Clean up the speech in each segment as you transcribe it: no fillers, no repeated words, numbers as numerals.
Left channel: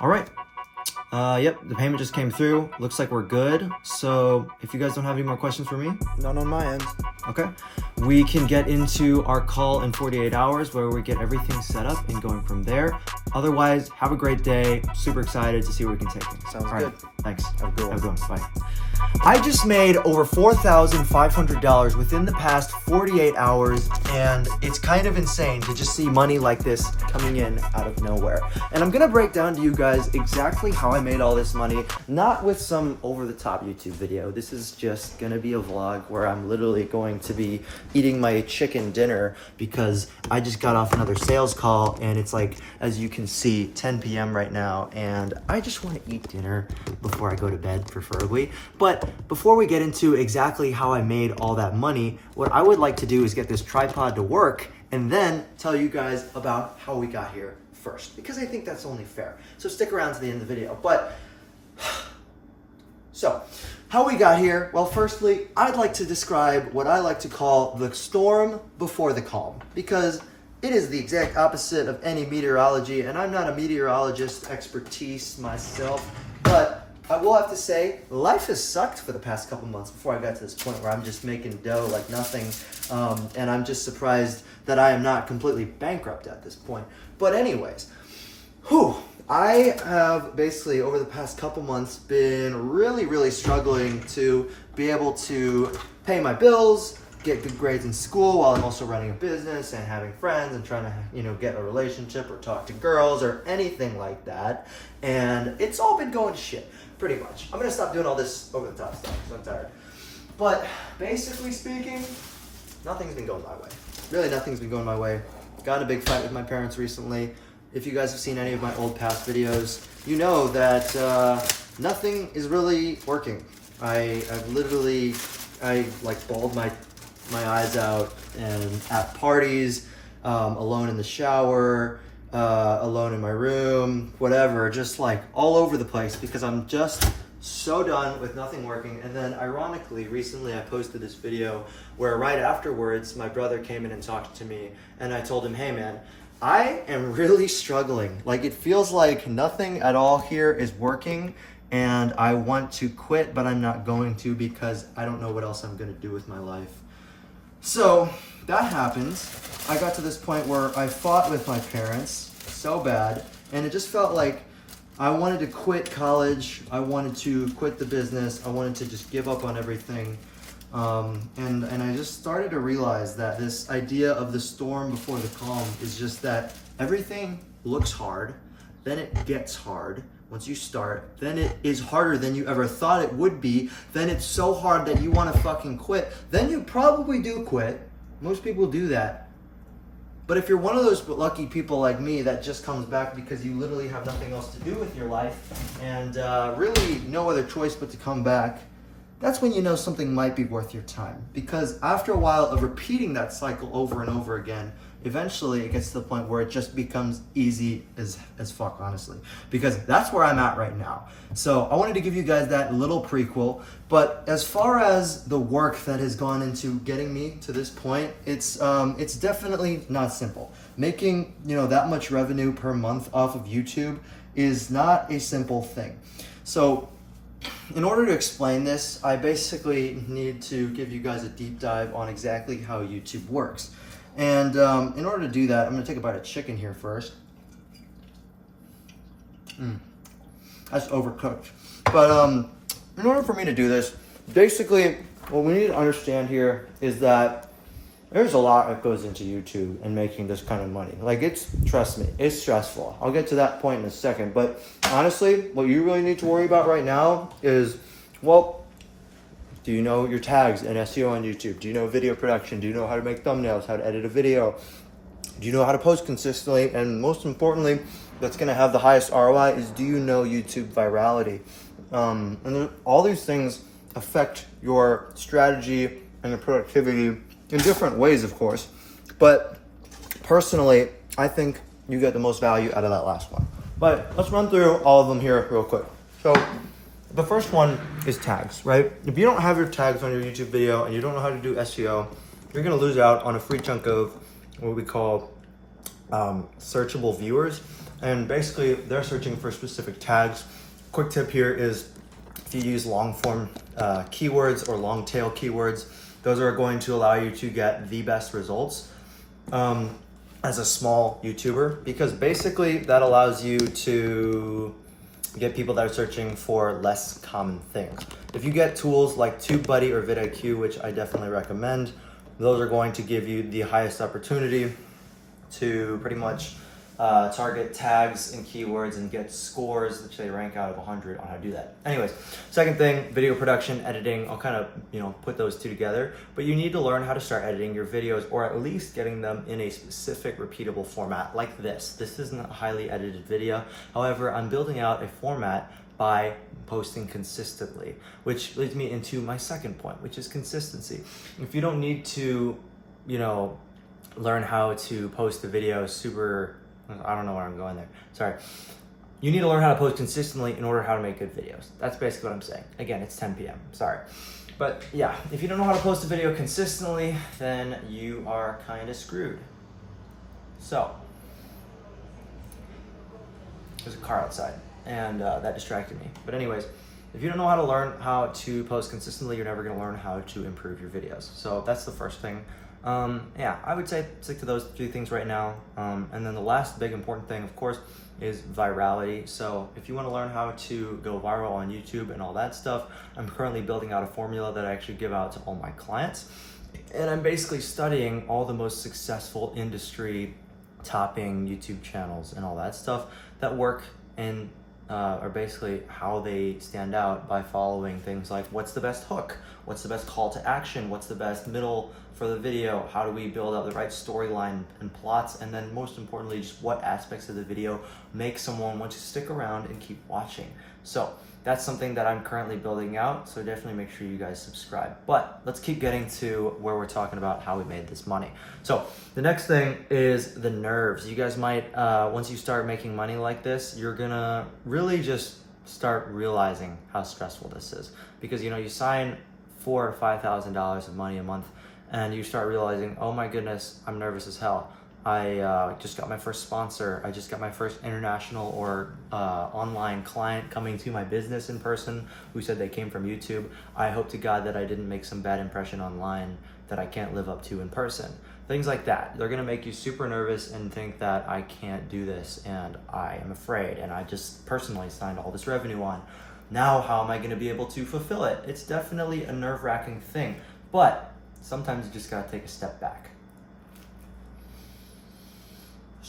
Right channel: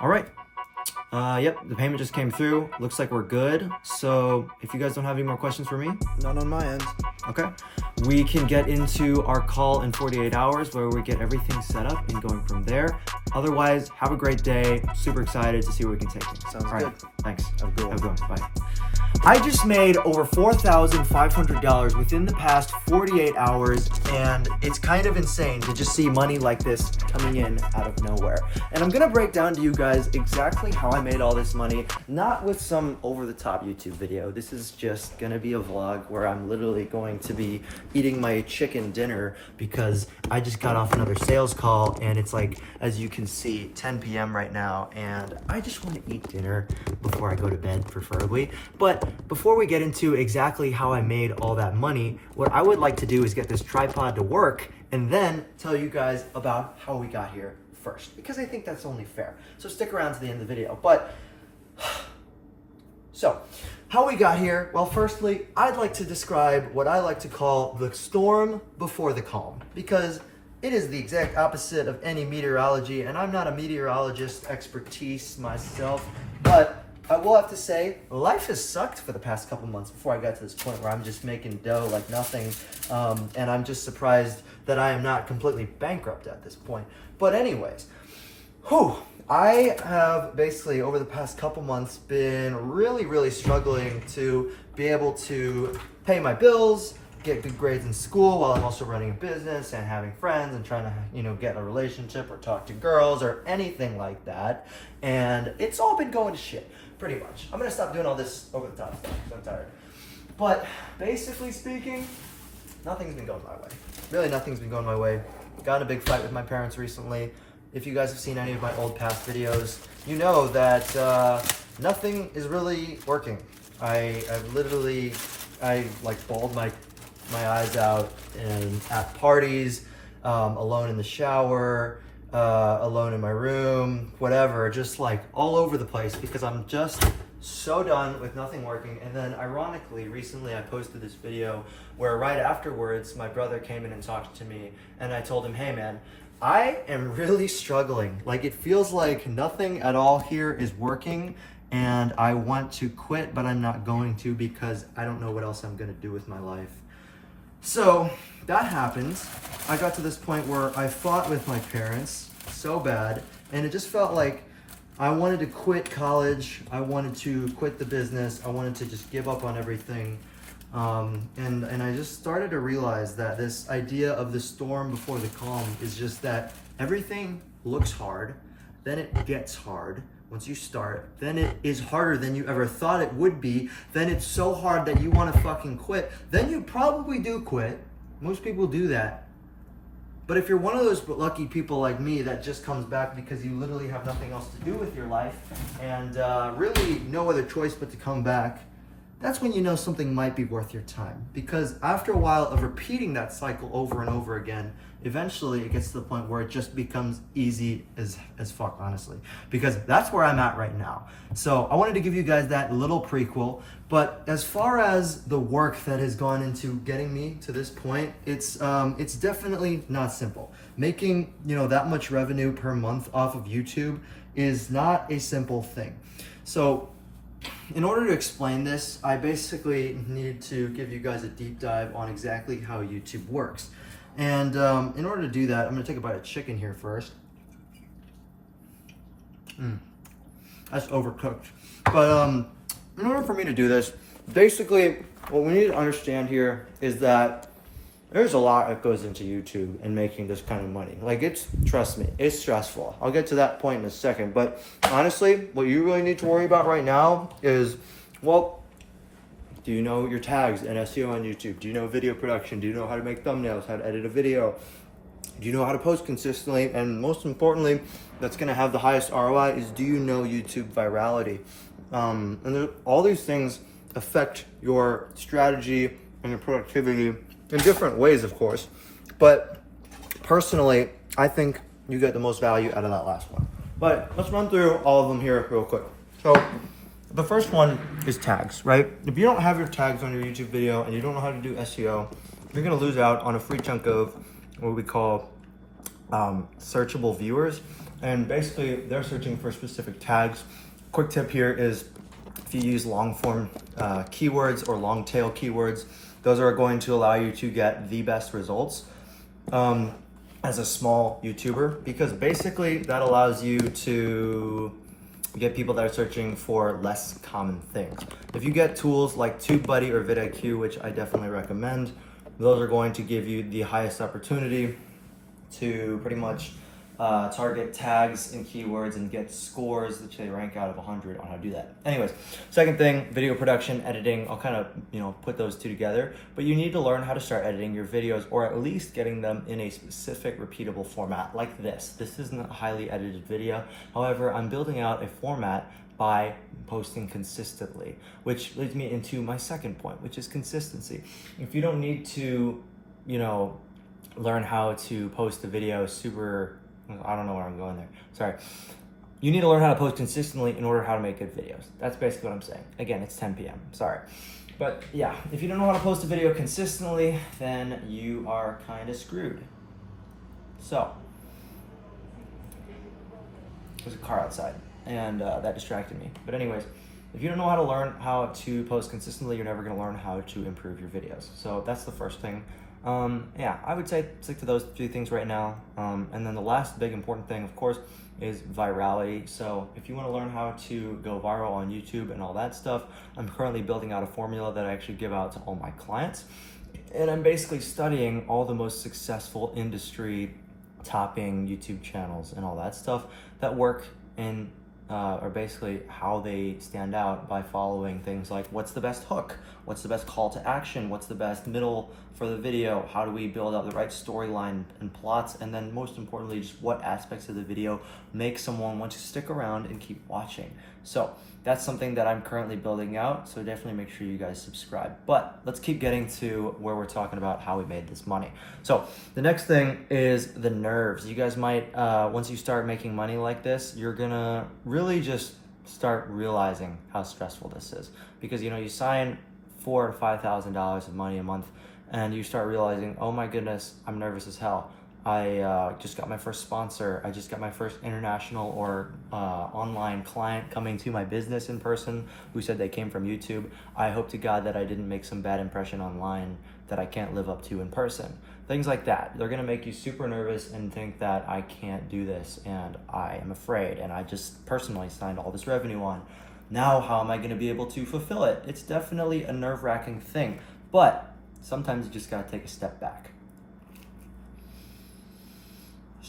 All right. Yep, the payment just came through. Looks like we're good. So if you guys don't have any more questions for me, None on my end. okay, we can get into our call in 48 hours where we get everything set up and going from there. Otherwise, have a great day. Super excited to see where we can take things. Sounds All right, good. thanks. Have a good one. Have a good one. Bye. I just made over $4,500 within the past 48 hours, and it's kind of insane to just see money like this coming in out of nowhere. And I'm gonna break down to you guys exactly how I made all this money, not with some over-the-top YouTube video. This is just gonna be a vlog where I'm literally going to be eating my chicken dinner because I just got off another sales call, and it's like, as you can see, 10 p.m. right now, and I just want to eat dinner before I go to bed, preferably. But before we get into exactly how I made all that money, what I would like to do is get this tripod to work and then tell you guys about how we got here first, because I think that's only fair. So stick around to the end of the video. But so how we got here, well, firstly, I'd like to describe what I like to call the storm before the calm, because it is the exact opposite of any meteorology, and I'm not a meteorologist expertise myself, but I will have to say, life has sucked for the past couple months before I got to this point where I'm just making dough like nothing, and I'm just surprised that I am not completely bankrupt at this point. But anyways, I have basically over the past couple months been really struggling to be able to pay my bills, get good grades in school while I'm also running a business and having friends and trying to, get in a relationship or talk to girls or anything like that. And it's all been going to shit, pretty much. I'm gonna stop doing all this over the top stuff, so I'm tired. But basically speaking, nothing's been going my way. Really, nothing's been going my way. Got in a big fight with my parents recently. If you guys have seen any of my old past videos, you know that nothing is really working. I bawled my eyes out and at parties, alone in the shower, alone in my room, whatever, just like all over the place because I'm just so done with nothing working. And then ironically, recently I posted this video where right afterwards, my brother came in and talked to me and I told him, hey man, I am really struggling. Like it feels like nothing at all here is working and I want to quit, but I'm not going to because I don't know what else I'm gonna do with my life. So that happens. I got to this point where I fought with my parents so bad, and it just felt like I wanted to quit college. I wanted to quit the business. I wanted to just give up on everything. And I just started to realize that this idea of the storm before the calm is just that everything looks hard, then it gets hard. Once you start, then it is harder than you ever thought it would be. Then it's so hard that you want to fucking quit. Then you probably do quit. Most people do that. But if you're one of those lucky people like me that just comes back because you literally have nothing else to do with your life and really no other choice but to come back, that's when you know something might be worth your time. Because after a while of repeating that cycle over and over again, eventually it gets to the point where it just becomes easy as fuck, honestly. Because that's where I'm at right now. So I wanted to give you guys that little prequel. But as far as the work that has gone into getting me to this point, it's definitely not simple. Making, that much revenue per month off of YouTube is not a simple thing. So in order to explain this, I basically need to give you guys a deep dive on exactly how YouTube works. And in order to do that, I'm gonna take a bite of chicken here first. That's overcooked. But in order for me to do this, basically what we need to understand here is that there's a lot that goes into YouTube and making this kind of money. Like trust me, it's stressful. I'll get to that point in a second. But honestly, what you really need to worry about right now is, well, do you know your tags and SEO on YouTube? Do you know video production? Do you know how to make thumbnails, how to edit a video? Do you know how to post consistently? And most importantly, that's gonna have the highest ROI is, do you know YouTube virality? And all these things affect your strategy and your productivity in different ways, of course. But personally, I think you get the most value out of that last one. But let's run through all of them here real quick. So the first one is tags, right? If you don't have your tags on your YouTube video and you don't know how to do SEO, you're gonna lose out on a free chunk of what we call searchable viewers. And basically they're searching for specific tags. Quick tip here is if you use long form keywords or long tail keywords, those are going to allow you to get the best results as a small YouTuber, because basically that allows you to get people that are searching for less common things. If you get tools like TubeBuddy or vidIQ, which I definitely recommend, those are going to give you the highest opportunity to pretty much target tags and keywords and get scores, which they rank out of 100 on how to do that. Anyways, second thing, video production, editing. I'll kind of, put those two together, but you need to learn how to start editing your videos, or at least getting them in a specific repeatable format like this. This isn't a highly edited video. However, I'm building out a format by posting consistently, which leads me into my second point, which is consistency. If you don't need to, learn how to post a video I don't know where I'm going there. Sorry. You need to learn how to post consistently in order how to make good videos. That's basically what I'm saying. Again, it's 10 p.m. Sorry. But yeah, if you don't know how to post a video consistently, then you are kind of screwed. So, there's a car outside and that distracted me. But anyways, if you don't know how to learn how to post consistently, you're never going to learn how to improve your videos. So that's the first thing. I would say stick to those two things right now. And then the last big important thing, of course, is virality. So if you want to learn how to go viral on YouTube and all that stuff, I'm currently building out a formula that I actually give out to all my clients. And I'm basically studying all the most successful industry topping YouTube channels and all that stuff that work in are basically how they stand out by following things like what's the best hook, what's the best call to action, what's the best middle for the video, how do we build out the right storyline and plots, and then most importantly, just what aspects of the video make someone want to stick around and keep watching. So that's something that I'm currently building out, so definitely make sure you guys subscribe. But let's keep getting to where we're talking about how we made this money. So the next thing is the nerves. You guys might, once you start making money like this, you're gonna really just start realizing how stressful this is. Because you sign $4,000 to $5,000 of money a month, and you start realizing, oh my goodness, I'm nervous as hell. I just got my first sponsor. I just got my first international or online client coming to my business in person who said they came from YouTube. I hope to God that I didn't make some bad impression online that I can't live up to in person. Things like that. They're gonna make you super nervous and think that I can't do this and I am afraid and I just personally signed all this revenue on. Now how am I gonna be able to fulfill it? It's definitely a nerve-wracking thing, but sometimes you just gotta take a step back.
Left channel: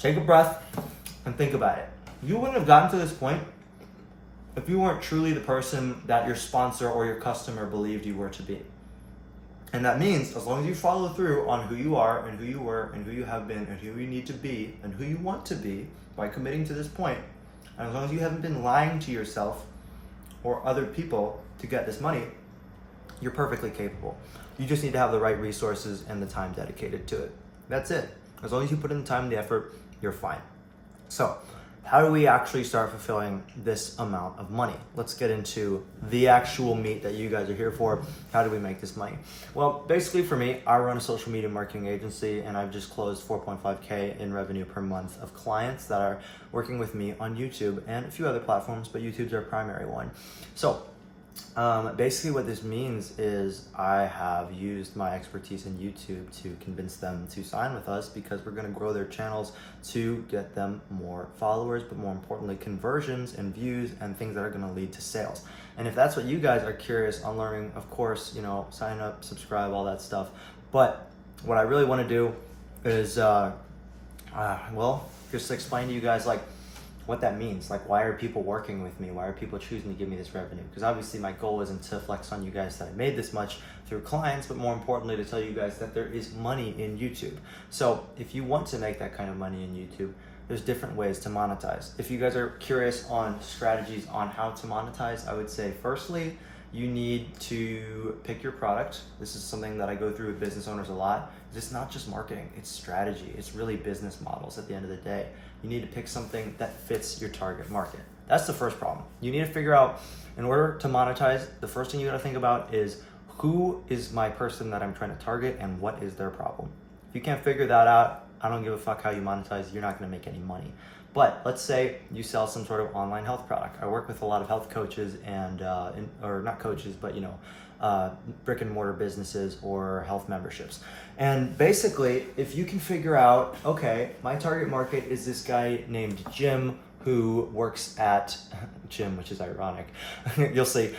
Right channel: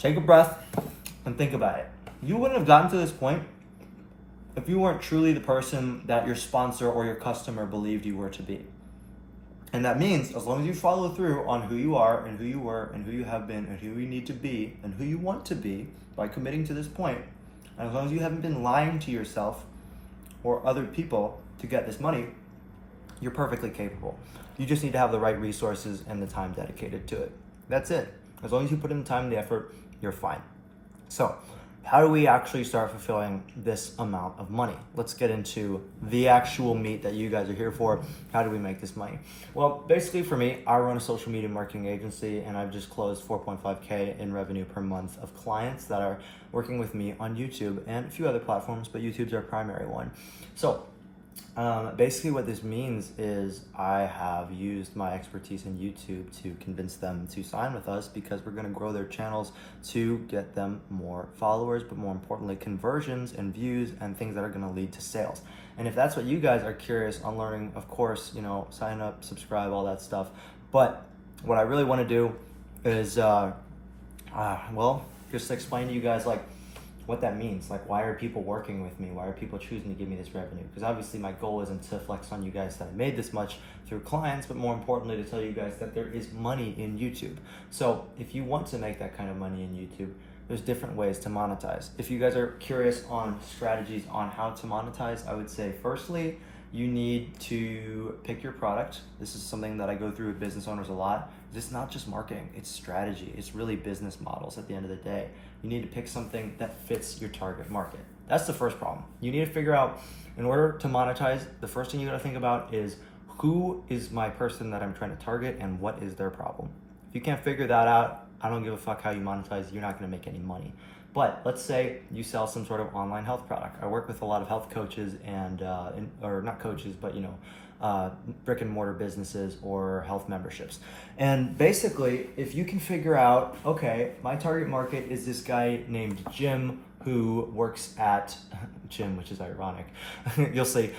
Take a breath and think about it. You wouldn't have gotten to this point if you weren't truly the person that your sponsor or your customer believed you were to be. And that means as long as you follow through on who you are and who you were and who you have been and who you need to be and who you want to be by committing to this point, and as long as you haven't been lying to yourself or other people to get this money, you're perfectly capable. You just need to have the right resources and the time dedicated to it. That's it. As long as you put in the time and the effort, you're fine. So how do we actually start fulfilling this amount of money? Let's get into the actual meat that you guys are here for. How do we make this money? Well, basically for me, I run a social media marketing agency and I've just closed 4.5K in revenue per month of clients that are working with me on YouTube and a few other platforms, but YouTube's our primary one. So basically what this means is I have used my expertise in YouTube to convince them to sign with us because we're going to grow their channels to get them more followers, but more importantly, conversions and views and things that are going to lead to sales. And if that's what you guys are curious on learning, of course, sign up, subscribe, all that stuff. But what I really want to do is, just explain to you guys what that means. Why are people working with me? Why are people choosing to give me this revenue? Because obviously my goal isn't to flex on you guys that I made this much through clients, but more importantly to tell you guys that there is money in YouTube. So if you want to make that kind of money in YouTube, there's different ways to monetize. If you guys are curious on strategies on how to monetize, I would say firstly, you need to pick your product. This is something that I go through with business owners a lot. It's not just marketing, it's strategy. It's really business models at the end of the day. You need to pick something that fits your target market. That's the first problem. You need to figure out, in order to monetize, the first thing you gotta think about is who is my person that I'm trying to target and what is their problem. If you can't figure that out, I don't give a fuck how you monetize, you're not gonna make any money. But let's say you sell some sort of online health product. I work with a lot of health coaches and, or not coaches, but brick and mortar businesses or health memberships. And basically, if you can figure out, okay, my target market is this guy named Jim who works at Jim, which is ironic. You'll see.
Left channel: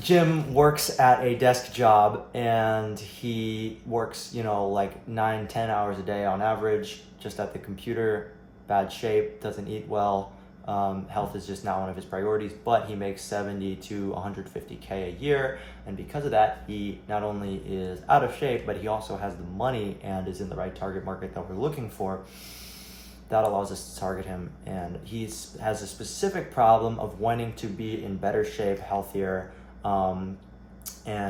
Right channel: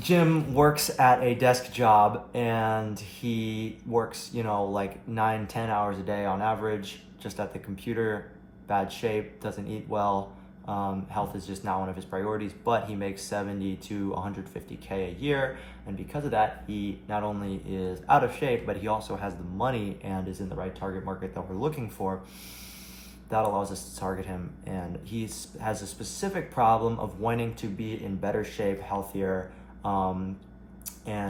Jim works at a desk job and he works, like 9-10 hours a day on average, just at the computer, bad shape, doesn't eat well. Health is just not one of his priorities, but he makes 70 to 150K a year. And because of that, he not only is out of shape, but he also has the money and is in the right target market that we're looking for. That allows us to target him. And he has a specific problem of wanting to be in better shape, healthier, and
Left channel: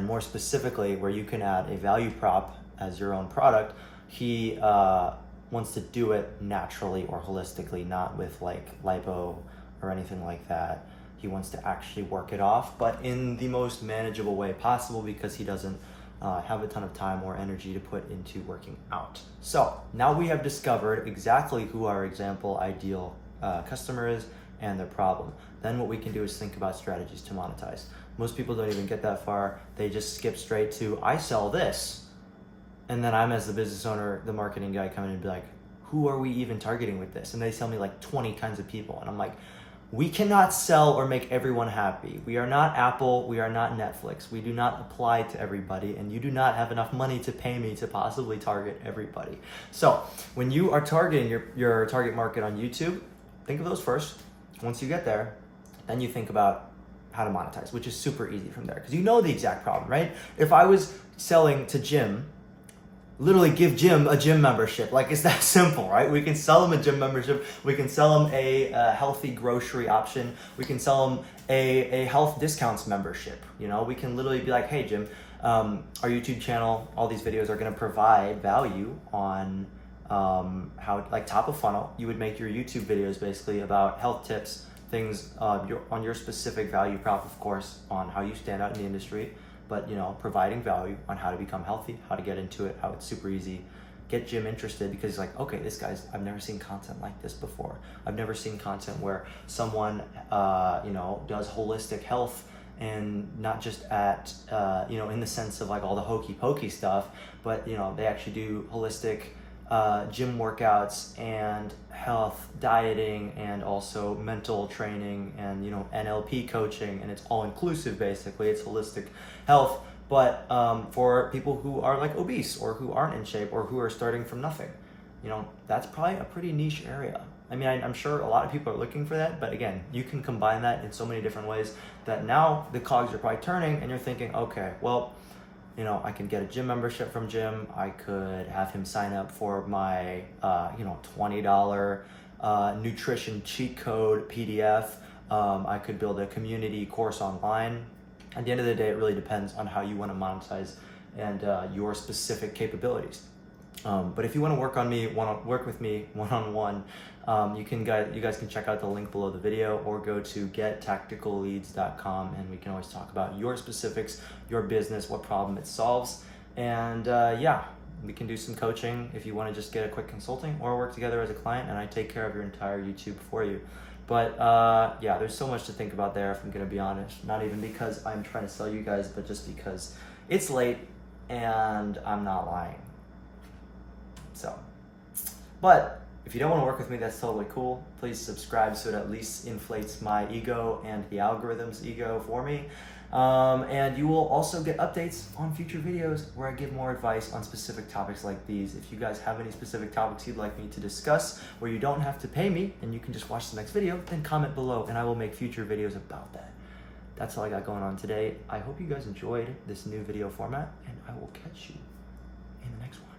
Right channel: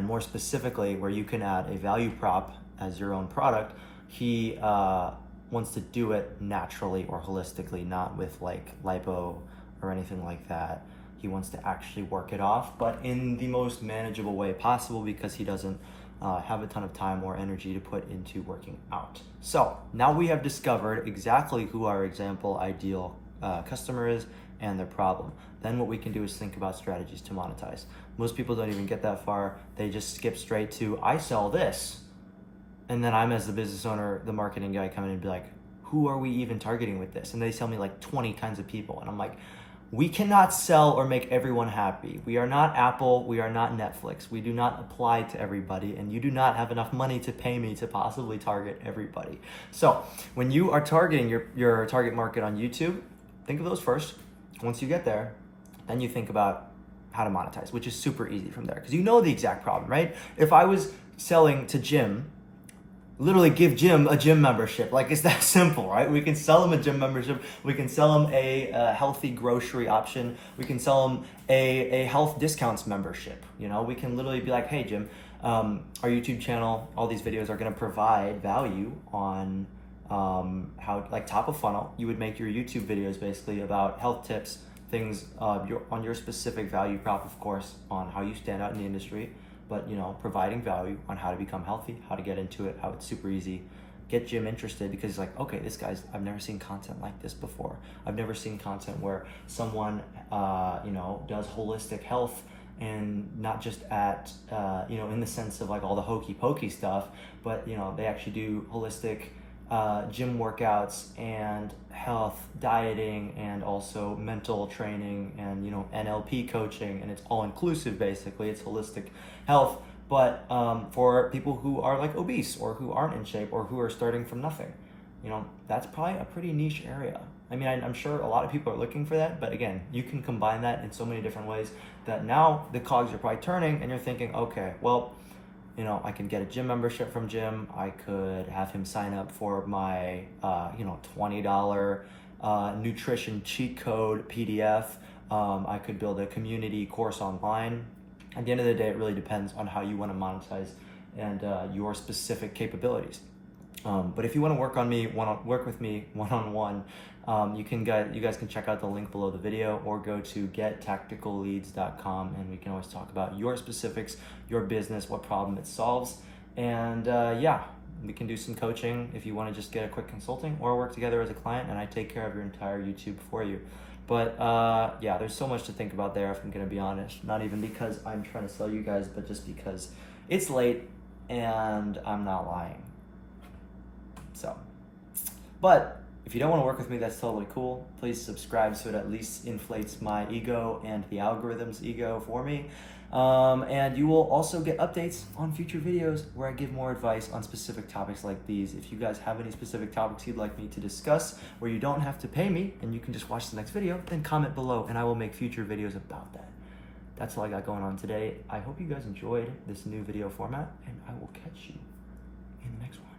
more specifically, where you can add a value prop as your own product. He wants to do it naturally or holistically, not with like lipo or anything like that. He wants to actually work it off, but in the most manageable way possible, because he doesn't have a ton of time or energy to put into working out. So now we have discovered exactly who our example ideal customer is and their problem. Then what we can do is think about strategies to monetize. Most people don't even get that far. They just skip straight to, I sell this. And then I'm, as the business owner, the marketing guy, come in and be like, who are we even targeting with this? And they tell me like 20 kinds of people. And I'm like, we cannot sell or make everyone happy. We are not Apple, we are not Netflix. We do not apply to everybody, and you do not have enough money to pay me to possibly target everybody. So when you are targeting your target market on YouTube, think of those first. Once you get there, then you think about how to monetize, which is super easy from there, because you know the exact problem, right? If I was selling to Jim, literally give Jim a gym membership. Like, it's that simple, right? We can sell him a gym membership. We can sell him a healthy grocery option. We can sell him a health discounts membership. We can literally be like, hey, Jim, our YouTube channel, all these videos are going to provide value on how, like, top of funnel. You would make your YouTube videos basically about health tips, things on your specific value prop, of course, on how you stand out in the industry. But providing value on how to become healthy, how to get into it, how it's super easy. Get Jim interested, because he's like, okay, I've never seen content like this before. I've never seen content where someone does holistic health, and not just at in the sense of like all the hokey pokey stuff, but they actually do holistic gym workouts and health dieting, and also mental training, and NLP coaching, and it's all inclusive. Basically, it's holistic health, but for people who are like obese or who aren't in shape or who are starting from nothing. That's probably a pretty niche area. I mean, I'm sure a lot of people are looking for that, but again, you can combine that in so many different ways that now the cogs are probably turning, and you're thinking, okay, well, I can get a gym membership from Jim. I could have him sign up for my, $20 nutrition cheat code PDF. I could build a community course online. At the end of the day, it really depends on how you want to monetize and your specific capabilities. But if you want to work with me one-on-one, you guys can check out the link below the video, or go to gettacticalleads.com, and we can always talk about your specifics, your business, what problem it solves. And we can do some coaching if you want to just get a quick consulting, or work together as a client, and I take care of your entire YouTube for you. But there's so much to think about there, if I'm going to be honest. Not even because I'm trying to sell you guys, but just because it's late and I'm not lying. So, but if you don't want to work with me, that's totally cool. Please subscribe so it at least inflates my ego and the algorithm's ego for me. And you will also get updates on future videos where I give more advice on specific topics like these. If you guys have any specific topics you'd like me to discuss where you don't have to pay me and you can just watch the next video, then comment below and I will make future videos about that. That's all I got going on today. I hope you guys enjoyed this new video format, and I will catch you in the next one.